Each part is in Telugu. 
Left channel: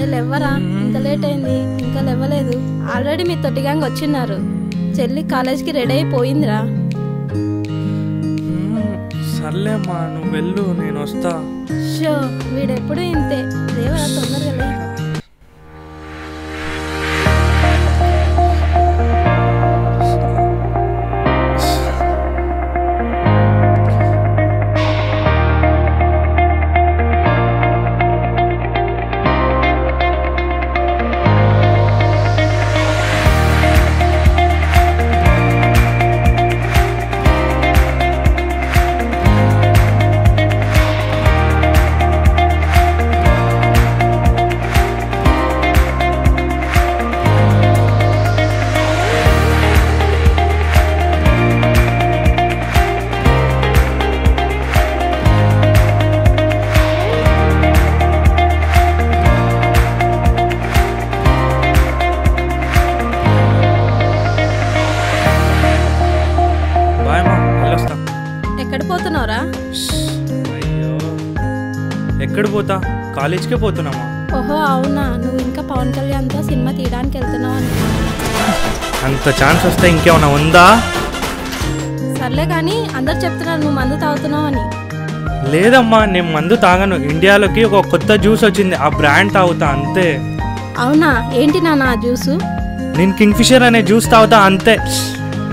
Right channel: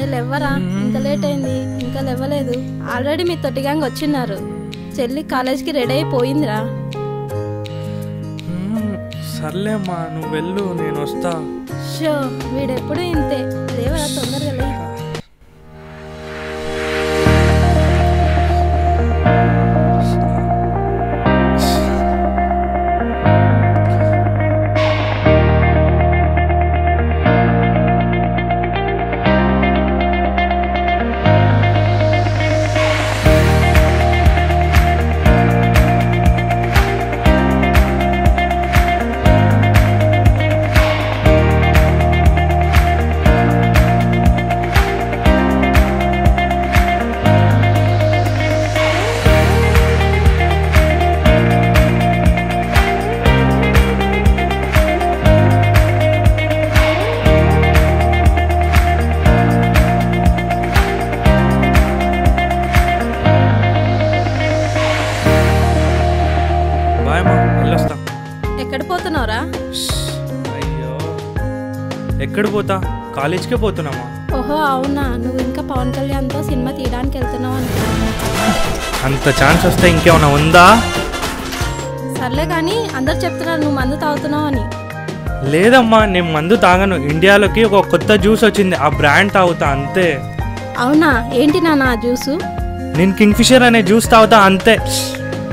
అరే లేవరా, ఇంత లేట్ అయింది ఇంకా లేవలేదు. ఆల్రెడీ మీ తొట్టి గ్యాంగ్ వచ్చిన్నారు. చెల్లి కాలేజ్కి రెడీ అయిపోయిందిరా. సర్లేమ్మా నువ్వు వెళ్ళు, నేను వస్తా. షో వీడెప్పుడు ఇంతే, లేవరా తొందరగా లే. ఎక్కడ పోతున్నావురా? అయ్యో ఎక్కడ పోతా, కాలేజ్కే పోతున్నామా. ఓహో అవునా, నువ్వు ఇంకా పవన్ కళ్యాణ్తో సినిమా తీయడానికి వెళ్తున్నావు అనుకున్నా. అంత ఛాన్స్ వస్తే ఇంకేమన్నా ఉందా? సర్లే కానీ అందరు చెప్తున్నారు నువ్వు మందు తాగుతున్నావు అని. లేదమ్మా నేను మందు తాగను. ఇండియాలోకి ఒక కొత్త జ్యూస్ వచ్చింది, ఆ బ్రాండ్ తాగుతా అంతే. అవునా, ఏంటి నాన్న ఆ జ్యూసు? నేను కింగ్ఫిషర్ అనే జ్యూస్ తాగుతా అంతే.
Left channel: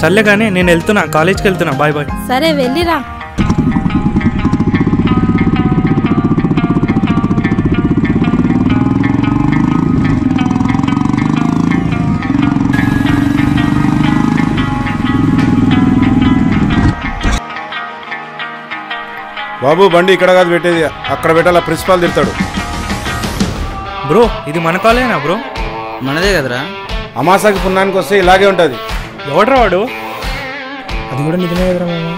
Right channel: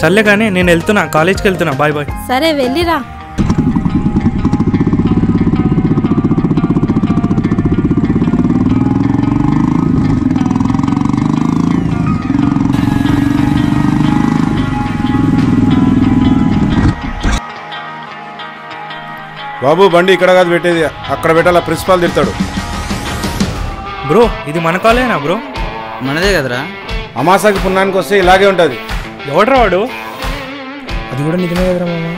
సర్లే కానీ నేను వెళ్తున్నా, కాలేజ్కి వెళ్తున్నా. Bye bye. సరే వెళ్ళిరా. బాబు బండి ఇక్కడ కాదు పెట్టేది, అక్కడ పెట్టాలా, ప్రిన్సిపాల్ తిడతాడు. బ్రో ఇది మన కాలేజేనా బ్రో? మనదే కదరా. అమాసాకి పుణ్యానికి వస్తే ఇలాగే ఉంటుంది. ఎవడ్రా వాడు? అది కూడా నిజమే కదరా మామ.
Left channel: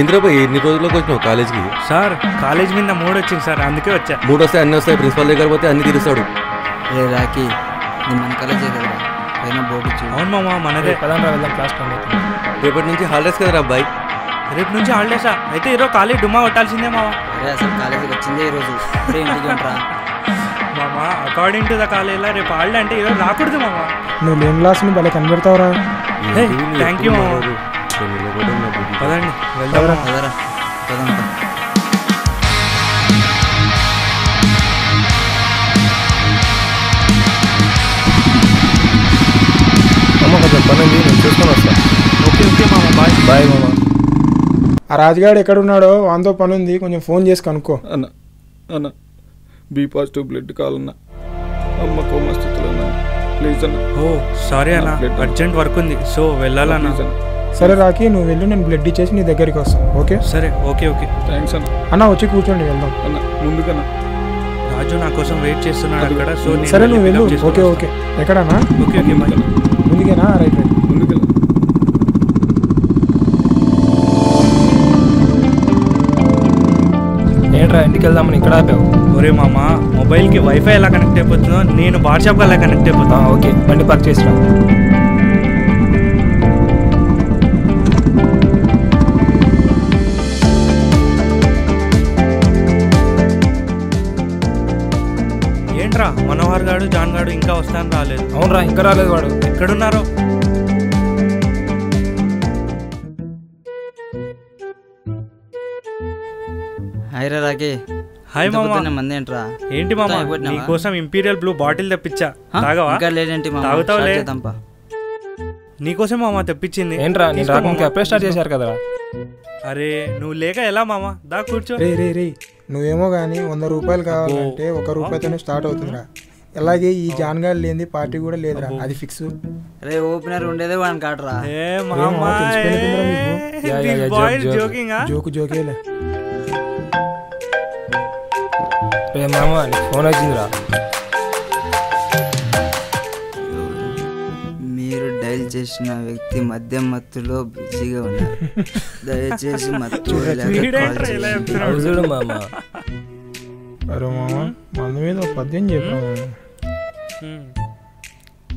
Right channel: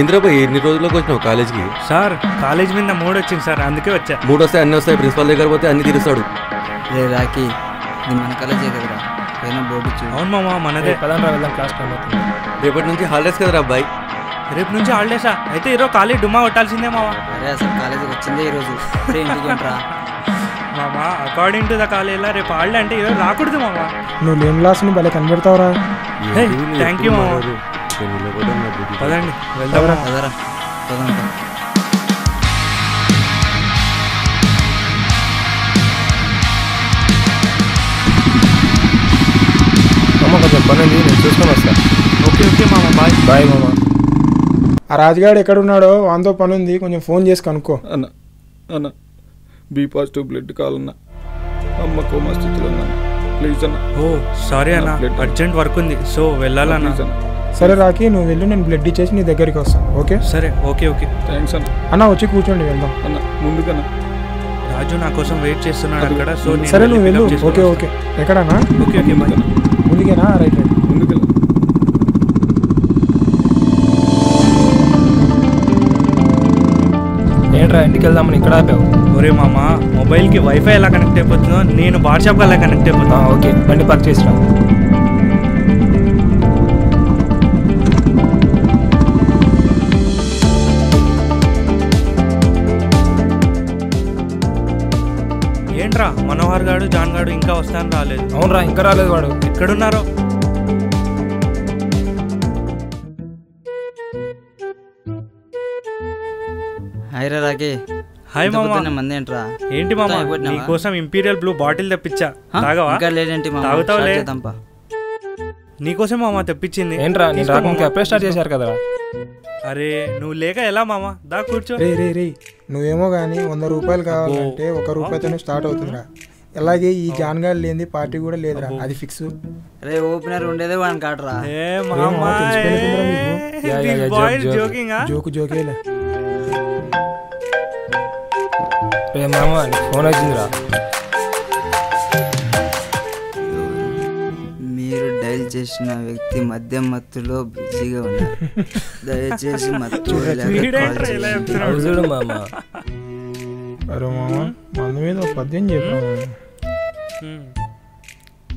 ఏంద్రాబాయ్ ఎన్ని రోజుల్లోకి వచ్చినావు కాలేజ్కి? సార్ కాలేజ్ మీద మూడు వచ్చింది సార్, అందుకే వచ్చా. మూడు వస్తే అన్ని వస్తాయి, ప్రిన్సిపల్ దగ్గర పోతే అన్ని తీరుస్తాడు. రే రాకి, ఇది మన కాలేజే కదరా, పైన బోర్డు చూ. అవును మామ మనదే. పదంరా వెళ్దాం, క్లాస్ టైం అవుతుంది. రేపటి నుంచి హాలిడేస్ కదరా అబ్బాయి? రేపు నుంచి హాలిడేసా? అయితే ఈరోజు కాలేజ్ డుమ్మా కొట్టాల్సిందే మావా. అరే అసలు కాలేజీకి వచ్చిందే ఈరోజు, ఇప్పుడే ఇంటికి ఏంట్రా మామా. అకార్డింగ్ టు ద కాలేజ్లో రేపు హాలిడే అంటే ఈరోజు రాకూడదు మామా. నువ్వు లేని క్లాస్ని భలే కనిపెడతావురా. థ్యాంక్ యూ మామా. పదండి వెళ్దాం. కదరా పదంతా. అమ్మ కొంచెం పని ఉంది, నేను చూసుకొని వస్తా. ఓకే ఓకే మామ, బాయ్ బాయ్ మామ. ఆ రాజుగాడు ఎక్కడున్నాడో వాంతో పని ఉంది, కొంచెం ఫోన్ చేసి కనుక్కో. అన్న అన్న బి పాజిటివ్ బ్లడ్ కావాలన్నా, అమ్మ కోమా స్థితిలో ఉన్నాను, ప్లీజ్ అన్న. ఓ సారీ అన్న, అర్జెంట్ వర్క్ ఉంది సో వెళ్ళాలన్నా. సరే రాకి, నువ్వు వెళ్ళు, నేను బ్లడ్ ఇచ్చేసి నీ దగ్గరికి వస్తాను. ఓకే సరే ఓకే ఓకే థ్యాంక్స్ అన్న. అన్న వచ్చి కూర్చోండి, వెళ్దాం. అన్న ముందుకన్నా, రాజు నా కోసం వెయిట్ చేస్తున్నాడు అక్కడ. సో సరే నువ్వు వెళ్ళు. Okay okay. ఎక్కడన్నా? Okay okay bye. ముందుకేనా? Right right. ముందుకెళ్ళ. ఏంట్రా ఇంటికి వెళ్దామని ఇక్కడ ఆపావు? ఒరే మామ, మొబైల్కి వైఫై ఎలా కనెక్ట్ అయిపోతుందో నేను వాట్సాప్కి ఎలా కనెక్ట్ అయిపోతా. ఓకే బండి పార్క్ చేసిరా. ఏంట్రా మనోహర్ గాడు జాన్ గాడు ఇంకా వస్తాను రాలేదు? అవునరా ఇంకా రాలేదు. వాడు ఎక్కడున్నారో? హాయ్ రా రాకి. హాయ్ మామ. మంది ఏంట్రా? ఏంటి మామ, నీకోసం ఇంపీరియల్ బ్లూ బాటిల్ తెప్పించా, తాగవా? ఇంకా లేదేంటి మామ? తాగుతావులే. నీకోసం మామ తెప్పించింది. ఏంట్రా నేను రాకుండా అప్పుడే స్టార్ట్ చేశారు కదరా. అరే నువ్వు లేక ఎలా మామ, దా కూర్చో. రే రే రే, నువ్వేమో కానీ 100 రూపాయలు కావాలంటే 1 రూపాయితోనే స్టార్ట్ అవుతుందిరా. అలాగే ఈ జాన్గాడు లేని పార్టీ కూడా లేదురా, అది ఫిక్స్. రే ఓపెనర్ ఉండేదే వాడిని కాటరా. జోకు జోకేలే. రే మామ ఫోన్ వచ్చిందిరా. మీరు డైల్ చేసిన వ్యక్తి మద్యం మత్తులో బిజీగా ఉన్నారు, దయచేసి మత్తు చూడు మామ. అరే మామ మందు మీద 10 చెప్పాము.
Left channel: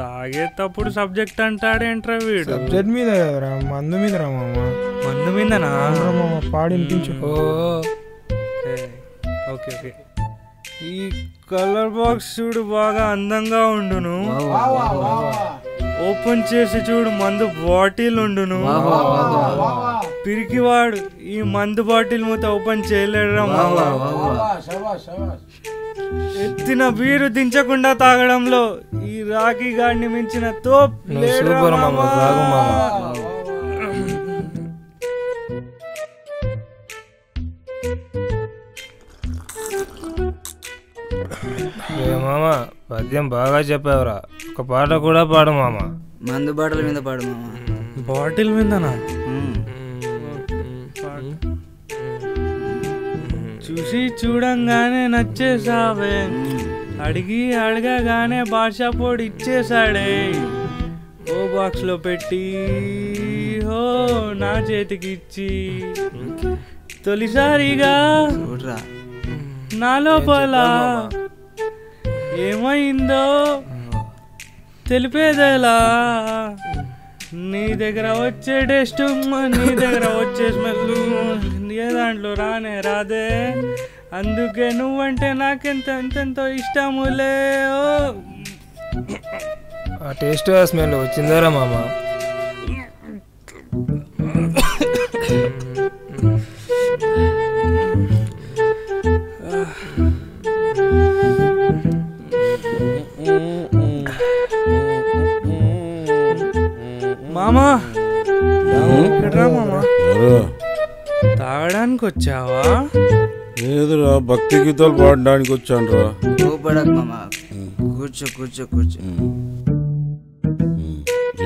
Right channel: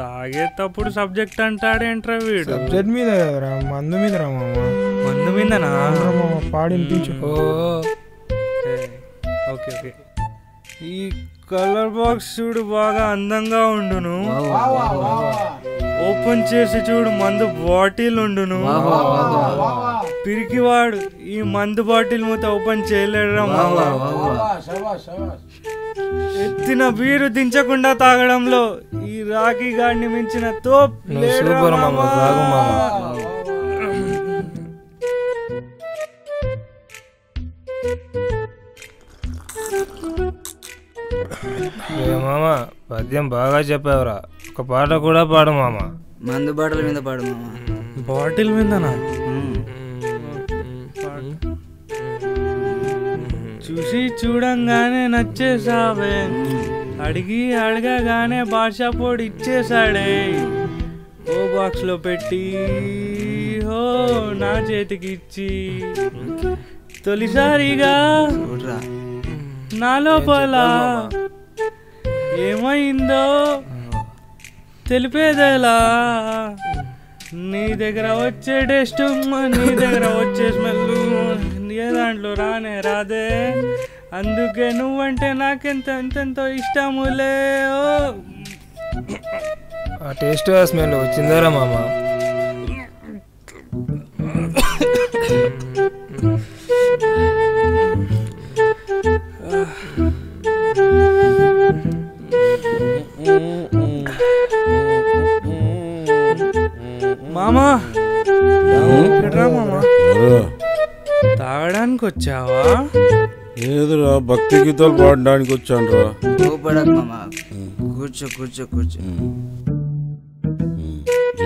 తాగేటప్పుడు సబ్జెక్ట్ అంటాడేంట్రా వీడు. సబ్జెక్ట్ మీద కదరా, మందు మీద రా మామ. మందు మీదనా? మామ పాడి వినిపించు. Okay okay. ఈ కలర్ బాక్స్ చూడు బాగా అందంగా ఉండును. ఓపెన్ చేసి చూడు మందు బాటిల్ ఉండును. పిరికివాడు ఈ మందు బాటిల్ మూత ఓపెన్ చేయలేడురా. ఎత్తిన బీరు దించకుండా తాగడంలో ఈ రాఖీ గాడిని మించిన తోప్ లేడురా మామ. మామ పద్యం బాగా చెప్పావురా, ఒక పాట కూడా పాడు మామ. మందు బాటల మీద పాడు మామ. బాటిల్ మీదనా? చూసి చూడంగానే నచ్చేసావే, అడిగి అడగగానే భాష పొడి ఇచ్చేసాడే. ఓ బాక్స్ లో పెట్టి హో నా చేతికి ఇచ్చి తొలిసారిగా నా లోపల ఏమైందో తెలిపేదేలా. నీ దగ్గర వచ్చే టేస్ట్, నీ దగ్గర వచ్చే స్మెల్ ఏ దాంట్లో రానే రాదే. అందుకే నువ్వంటే నాకెంతెంతో ఇష్టములే. ఆ టేస్ట్ ఆ స్మెల్ వచ్చిందారా మామ? మామా ఎక్కడ్రా మామా? తాగడానికి వచ్చావా? లేదురా, భక్తి గీతాలు పాడడానికి వచ్చాను రా. కూర్చో కూర్చో కూర్చో.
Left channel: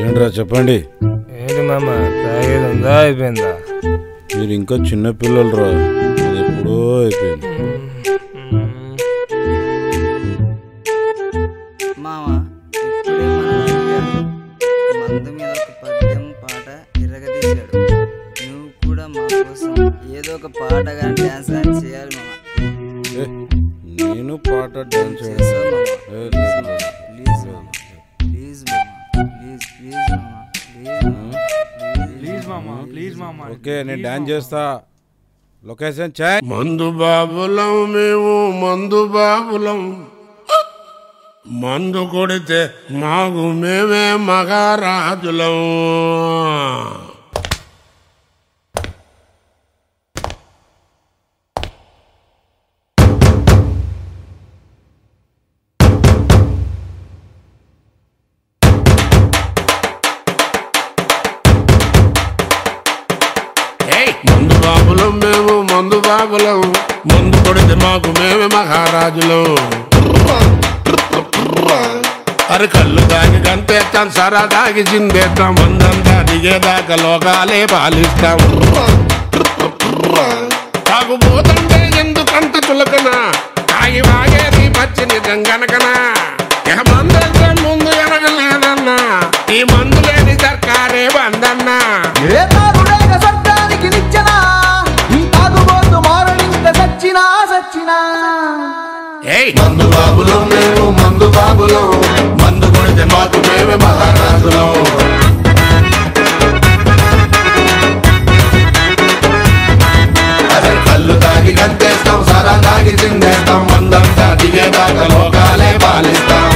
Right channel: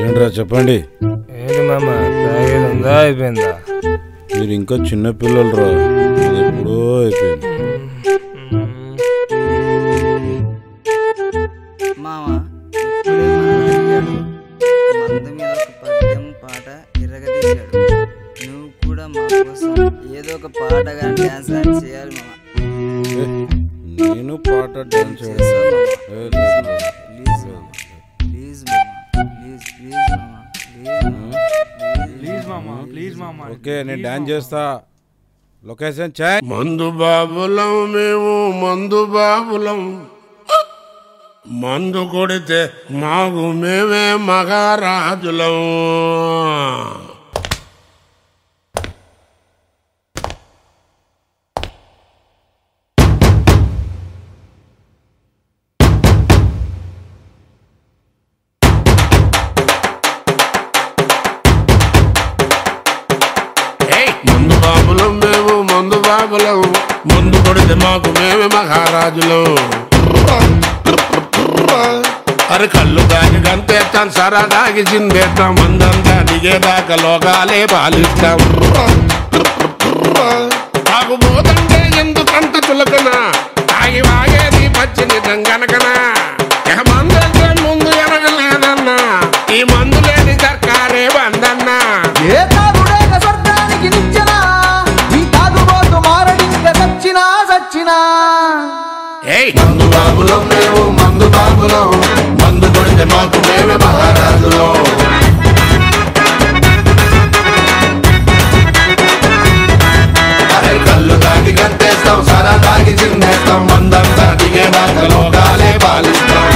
ఏంట్రా చెప్పండి. ఏంటి మామ, తాగేది ఉందా అయిపోయిందా? మీరు ఇంకా చిన్న పిల్లలు రా, అది ఎప్పుడో అయిపోయింది. మామ మందు మీద ఒక పద్యం పాట ఇరగదీశాడు. నువ్వు కూడా మా కోసం ఏదో ఒక పాట కానీ డాన్స్ కానీ చేయాలి మామ. నేను పాట డాన్స్ ప్లీజ్ మామ, ప్లీజ్ మామ, ప్లీజ్ మామా, ప్లీజ్ మామా. ఓకే, నేను డాన్స్ చేస్తా. లొకేషన్ చాయ్. మందు బాబులం మేము, మందు బాబులం. మందు కొడితే మాకు మేమే మహారాజులం. మందు బాబులం మేము, మందు బాబులం. మందు కొడితే మాకు మేమే మహారాజులం. అరే కళ్ళు దాగి గంతేస్తాం, సరా దాగి చిందేస్తాం. మందంతా దిగేదాకా లోకాలే పాలిస్తాం. తాగుబోతంటే ఎందుకంత చులకనా, తాగి వాగేది పచ్చి నిజం గనకనా. మందంటే ముందు ఎనగలేదన్నా, ఈ మందు లేని సర్కారే బందన్నా. మందు బాబులం మేము, మందు బాబులం. మందు కొడితే మాకు మేమే మహారాజులం. కళ్ళు దాగి గంతేస్తాం, సరా దాగి చిందేస్తాం. మందంతా దిగేదాకా లోకాలే పాలిస్తాం.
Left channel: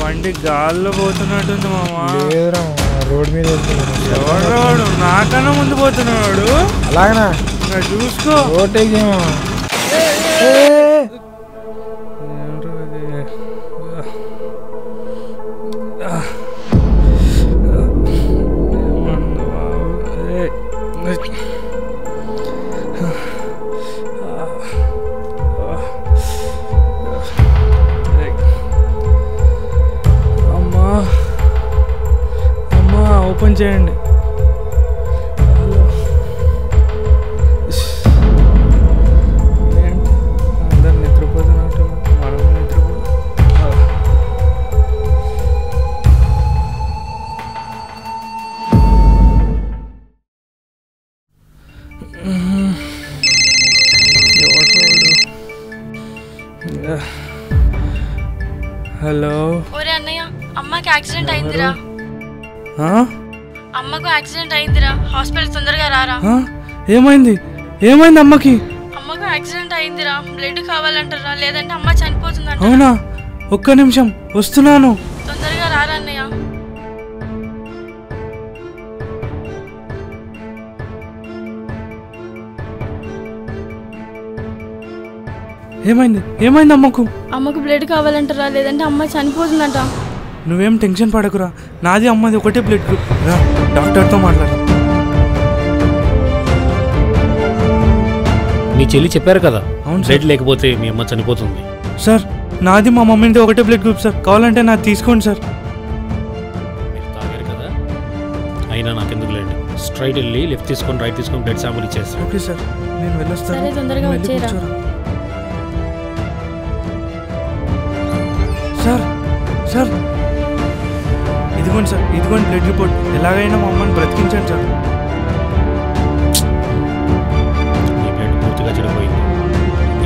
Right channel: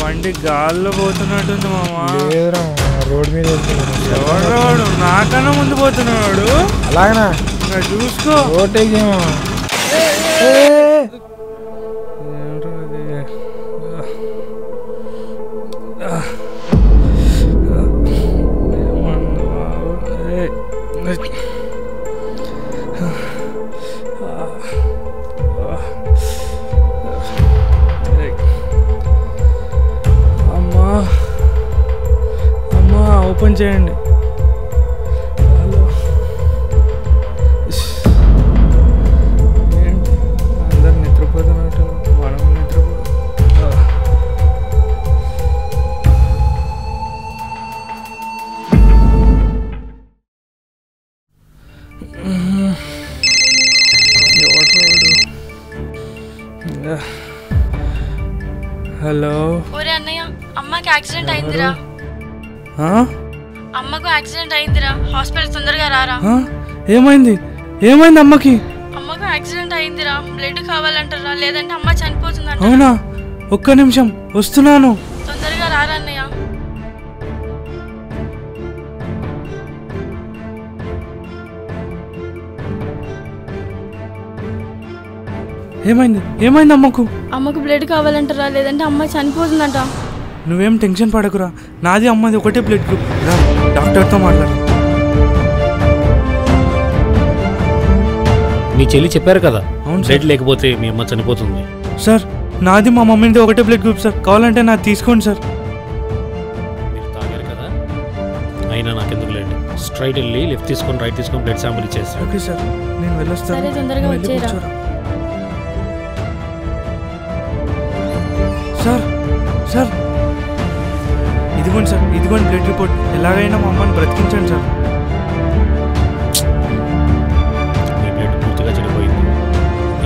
బండి గాల్లో పోతున్నట్టుంది మామా. లేదురా రోడ్ మీద ఎవడు నాకన్నా ముందు పోతున్నాడు. అలాగనా చూసుకో. ఓటేక్ ఏమో. అమ్మా అమ్మా ఓపెన్ చేయండి. హలో ఏంటి అందరు నిద్రపోతున్నట్టు, మనం నిద్రపోతాం. హలో. ఒరే అన్నయ్య, అమ్మకి యాక్సిడెంట్ అయిందిరా. అమ్మకు యాక్సిడెంట్ అయిందిరా, హాస్పిటల్ తొందరగా రారా. ఏమైంది? ఏమైంది అమ్మకి? అమ్మకు యాక్సిడెంట్ అయిందిరా, బ్లడ్ కావాలంటారా, లేదంటే అమ్మ చనిపోతుందంట. అవునా? ఒక్క నిమిషం వస్తున్నాను. తొందరగా రారా అన్నయ్య. ఏమైంది? ఏమైంది అమ్మకు? అమ్మకు బ్లడ్ కావాలంటారా, లేదంటే అమ్మ చనిపోతుందంట. నువ్వేం టెన్షన్ పడకురా, నాది అమ్మది ఒకటే బ్లడ్ గ్రూప్. రా డాక్టర్తో మాట్లాడరా. మీ చెల్లి చెప్పారు కదా, అవును బ్లడ్ లేకపోతే మీ అమ్మ చనిపోతుంది. సార్ నాది మా మమ్మీది ఒకటే బ్లడ్ గ్రూప్ సార్, కావాలంటే నాది తీసుకోండి సార్. మీరు తాగారు కదా, అయినా నాకెందుకు లేండి. స్ట్రైట్ వెళ్ళి లెఫ్ట్ తీసుకొని రైట్ తీసుకొని బ్లడ్ శాంపుల్ ఇచ్చేస్తాను. ఓకే సార్, నేను వెళ్ళొస్తాను. సరే, తొందరగా వచ్చేరా. సార్ సార్ ఇదిగోండి సార్, ఇదిగోండి బ్లడ్ రిపోర్ట్. ఎలాగైనా మా అమ్మని బ్రతికించండి సార్. మీ బ్లడ్ పూర్తిగా చెడిపోయింది.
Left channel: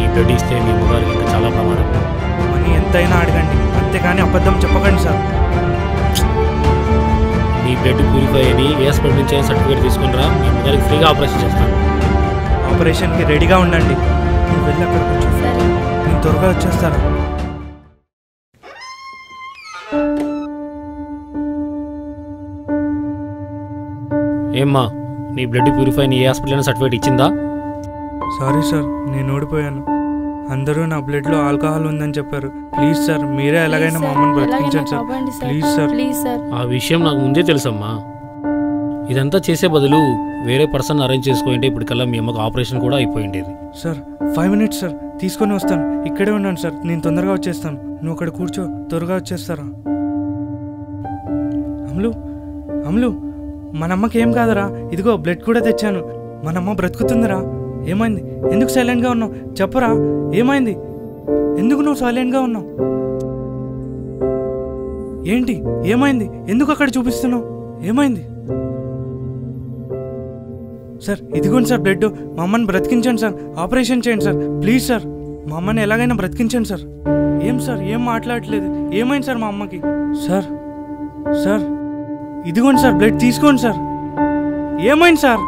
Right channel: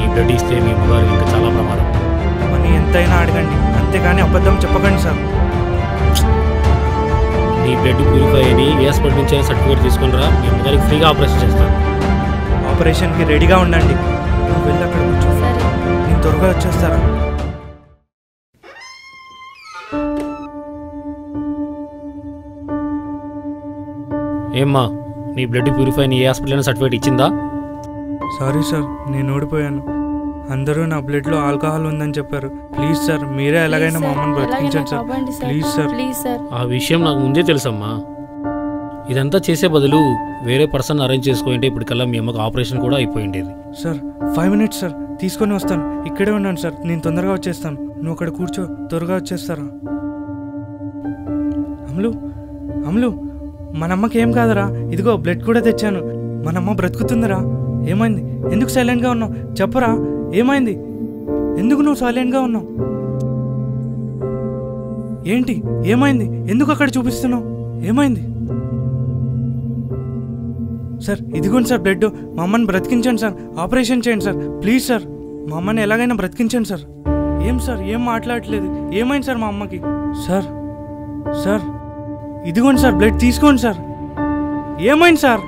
ఈ బ్లడ్ ఇస్తే మీ అమ్మగారికి ఇంకా చాలా ప్రమాదం. మనీ ఎంతైనా అడగండి, అంతేగాని అబద్ధం చెప్పకండి సార్. మీ బ్లడ్ ప్యూరిఫై అని ఏ హాస్పిటల్ నుంచి అయినా సర్టిఫికేట్ తీసుకుని రా, మీ అమ్మగారికి ఫ్రీగా ఆపరేషన్ చేస్తాను. ఆపరేషన్కి రెడీగా ఉండండి. నువ్వు వెళ్ళి అక్కడ కూర్చో, నేను త్వరగా వచ్చేస్తారా. ఏమ్మా, నీ బ్లడ్ ప్యూరిఫై అని ఏ హాస్పిటల్ అయినా సర్టిఫికేట్ ఇచ్చిందా? సారీ సార్, నేను ఓడిపోయాను. అందరూ నా బ్లడ్లో ఆల్కహాల్ ఉందని చెప్పారు. ప్లీజ్ సార్, మీరే ఎలాగైనా మా అమ్మని బ్రతికించండి సార్. Please sir. ఆ విషయం నాకు ముందే తెలుసమ్మా. ఇదంతా చేసే బదులు వేరే పర్సన్ అరేంజ్ చేసుకోండి, ఇప్పటికల్లా మీ అమ్మకు ఆపరేషన్ కూడా అయిపోయిండేది. సార్ 5 minutes సార్, తీసుకొని వస్తాను. ఇక్కడే ఉన్నాను సార్, నేను తొందరగా వచ్చేస్తాను. నువ్వు అక్కడ కూర్చో, త్వరగా వచ్చేస్తారా. అమ్లు అమ్లు, మన అమ్మకి ఏం కాదరా, ఇదిగో బ్లడ్ కూడా తెచ్చాను. మన అమ్మ బ్రతుకుతుందిరా. ఏమైంది? ఎందుకు సైలెంట్గా ఉన్నావు? చెప్పరా, ఏమైంది? ఎందుకు నువ్వు సైలెంట్గా ఉన్నావు? ఏంటి ఏమైంది? ఎందుకు అక్కడ చూపిస్తున్నావు? ఏమైంది? సార్ ఇదిగోండి సార్ బ్లడ్, మా అమ్మని బ్రతికించండి సార్, ఆపరేషన్ చేయండి సార్, ప్లీజ్ సార్. మా అమ్మని ఎలాగైనా బ్రతికించండి సార్. ఏం సార్, ఏం మాట్లాడట్లేదు? ఏమైంది సార్ మా అమ్మకి? సార్ సార్ ఇదిగోండి సార్ బ్లడ్, తీసుకోండి సార్. ఏమైంది సార్?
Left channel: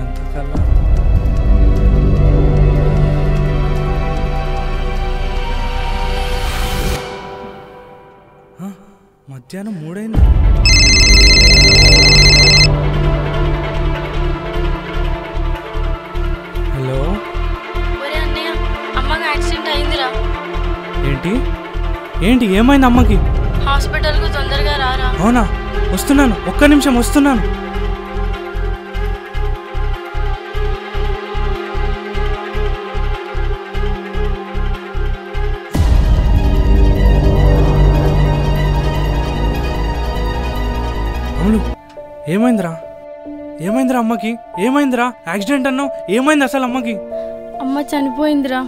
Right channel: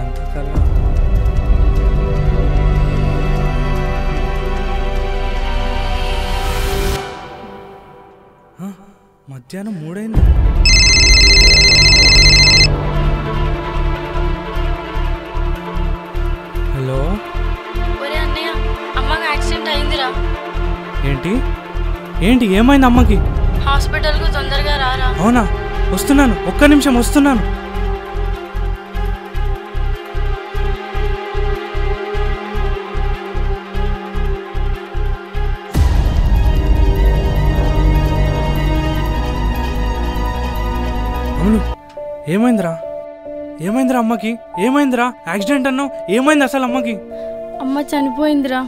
ఎంతకల్లా మధ్యాహ్నం 3 అయింది. హలో. ఒరే అన్నయ్య, అమ్మకి యాక్సిడెంట్ అయిందిరా. ఏంటి ఏంటి ఏమైంది అమ్మకి? హాస్పిటల్కు తొందరగా రారా. అవునా, వస్తున్నాను, ఒక్క నిమిషం వస్తున్నాను. అమ్ములు, ఏమైందిరా? ఏమైందిరా అమ్మకి? ఏమైందిరా? యాక్సిడెంట్ అన్నావు, ఏమైంది అసలు అమ్మకి? అమ్మ చనిపోయిందిరా.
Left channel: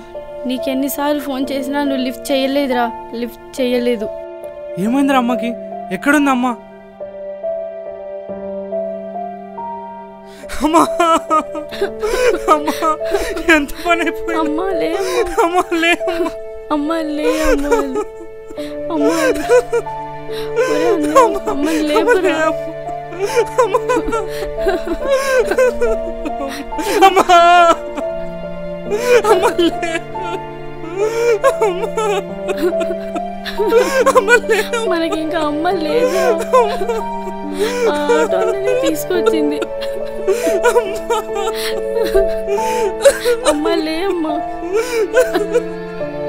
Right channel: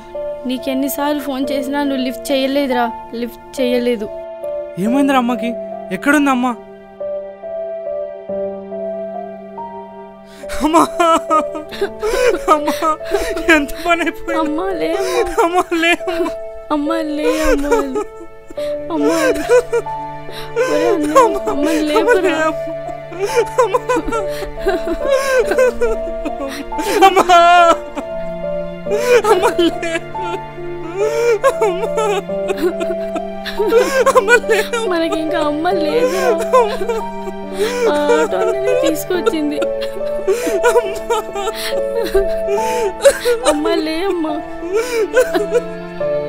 నీకెన్నిసార్లు ఫోన్ చేసినా నువ్వు లిఫ్ట్ చేయలేదురా, లిఫ్ట్ చేయలేదు. ఏమైందిరా అమ్మకి? ఎక్కడుంది అమ్మ? అమ్మా అమ్మా, ఎంత పని అయిపోయింది. అమ్మా లే, అమ్మా లే, అమ్మా లే, అమ్మా అమ్మ లేపురా. మనకి ఇంకా అమ్మ లేదు. ఆటోనే తీసుకొచ్చింది. అమ్మ లే అమ్మా.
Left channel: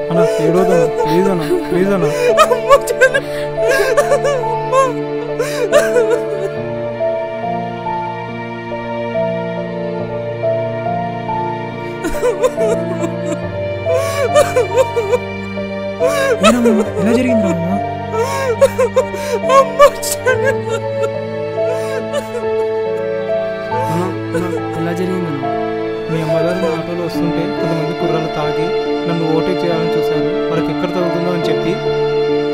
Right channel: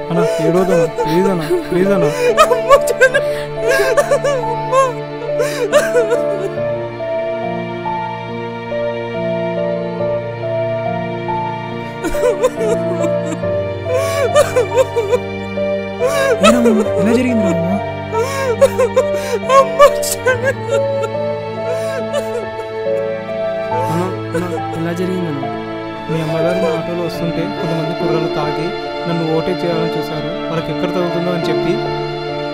అన్నా ఏడోదన్నా, ప్లీజ్ అన్నా, ప్లీజ్ అన్నా. ఎలా జరిగింది అమ్మా? అన్నా ఎలా జరిగిందన్నా? మీ అమ్మగారు నా ఆటోలో వస్తుంటే కొంతమంది కుర్రాళ్ళు తాగి నన్ను ఓవర్టేక్ చేయాలని చూశారు. వాళ్ళకి ఎక్కడ తగులుతుందో అని చెప్పి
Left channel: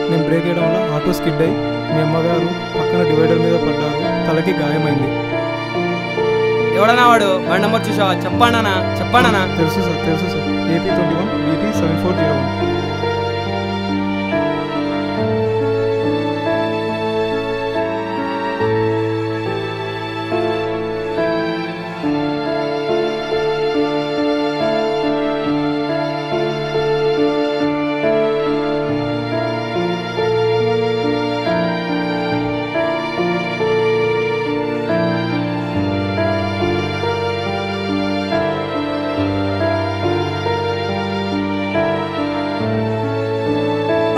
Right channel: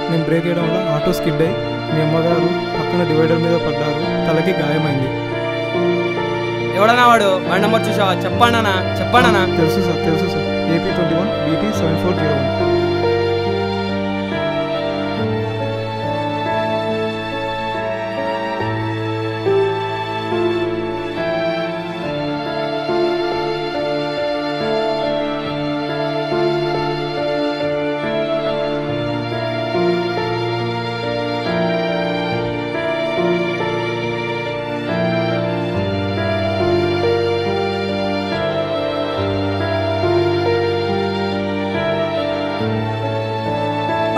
నేను బ్రేక్ వేయడం వల్ల ఆటో స్కిడ్ అయి మీ అమ్మగారు పక్కన డివైడర్ మీద పడ్డారు. తలకి గాయమైంది. ఎవడన్నా వాడు బండి నెంబర్ చూసావా? చెప్పండి. తెలుసు సార్. AP 21 BT 7401.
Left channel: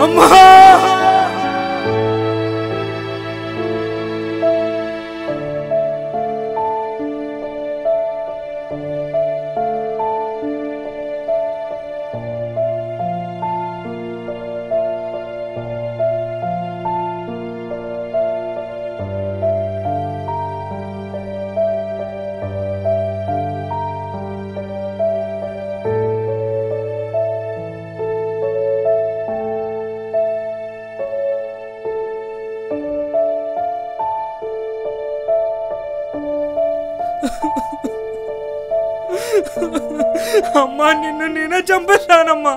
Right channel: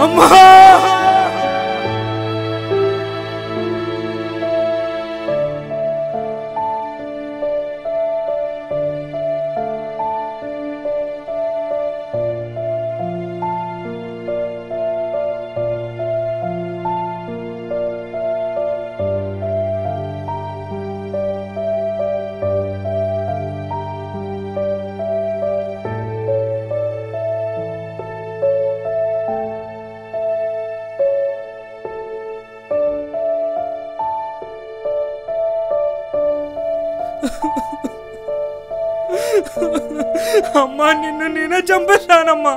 అమ్మా! అమ్మా, నిన్ను నేనే చంపేశానమ్మా.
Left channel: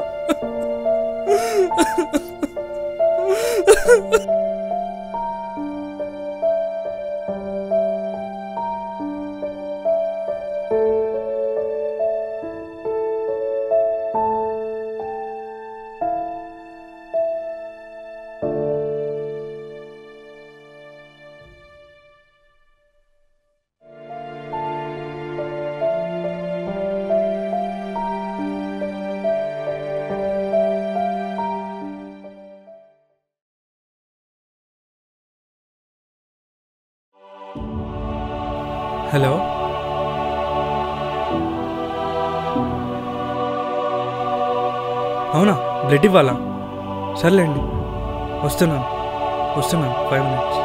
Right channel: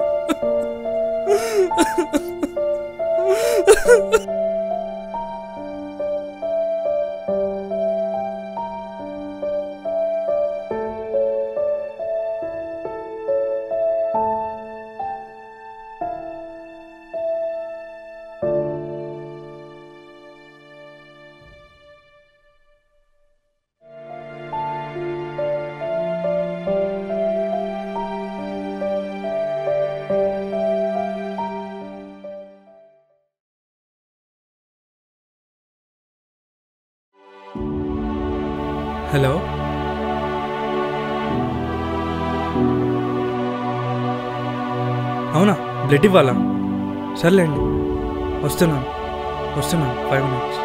హలో, అవునా? బ్లడ్ ఇవ్వాలా? సర్లేండి, వస్తున్నాను 5 minutes.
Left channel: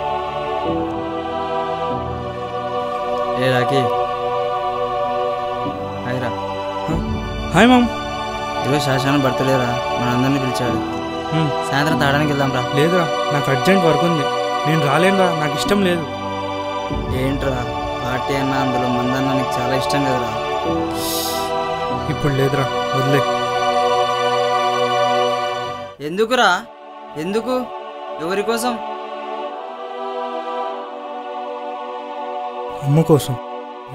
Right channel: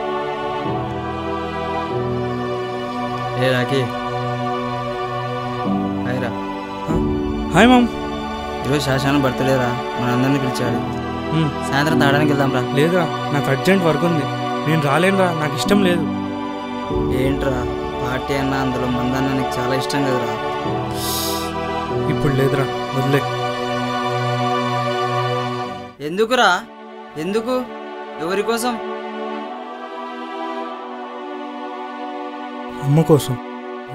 ఏ రాకీ, హాయ్ రా. Hi mom. ఈరోజు శాసన బర్త్డే రా, మనందరినీ పిలిచాడు. సాయంత్రం తాగడానికి వెళ్దాం రా. లేదురా, నాకు అర్జెంట్ వర్క్ ఉంది, నేను రాలేనురా, నాకు ఇష్టం లేదు. ఏంట్రా పార్టీ అన్న, అందులో మందన్న నీకు చాలా ఇష్టం కదరా. ఇప్పుడు లేదురా, వదిలే. ఎందుకురా? ఎందుకు? ఎవరి కోసం? అమ్మ కోసం.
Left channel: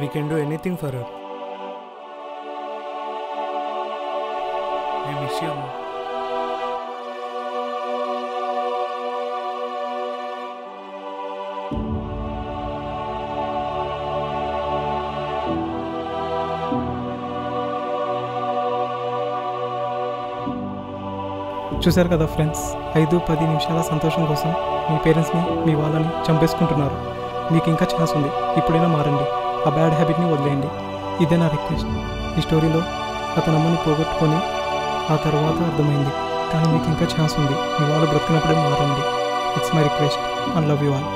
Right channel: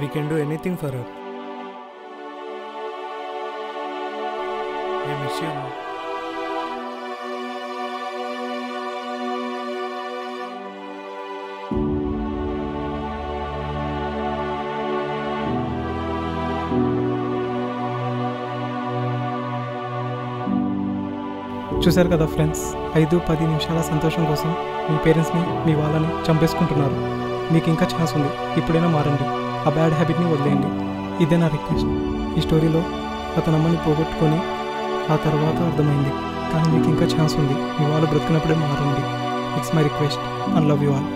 We can do anything for her. I miss you అమ్మ. చూశారు కదా ఫ్రెండ్స్, 5-10 నిమిషాల సంతోషం కోసం మీ పేరెంట్స్ని, మీ వాళ్ళని చంపేసుకుంటున్నారు. మీకు ఇంకా ఛాన్స్ ఉంది, ఇప్పుడైనా మారండి, ఆ బ్యాడ్ హ్యాబిట్ని వదిలేయండి. ఇదే నా రిక్వెస్ట్. ఈ స్టోరీలో అతని అమ్మని పోగొట్టుకొని ఆ తర్వాత అర్థమైంది, కానీ మీకు ఇంకా ఛాన్స్ ఉంది, మీ వాళ్ళు బ్రతికినప్పుడే మారండి. It's my request and love you all.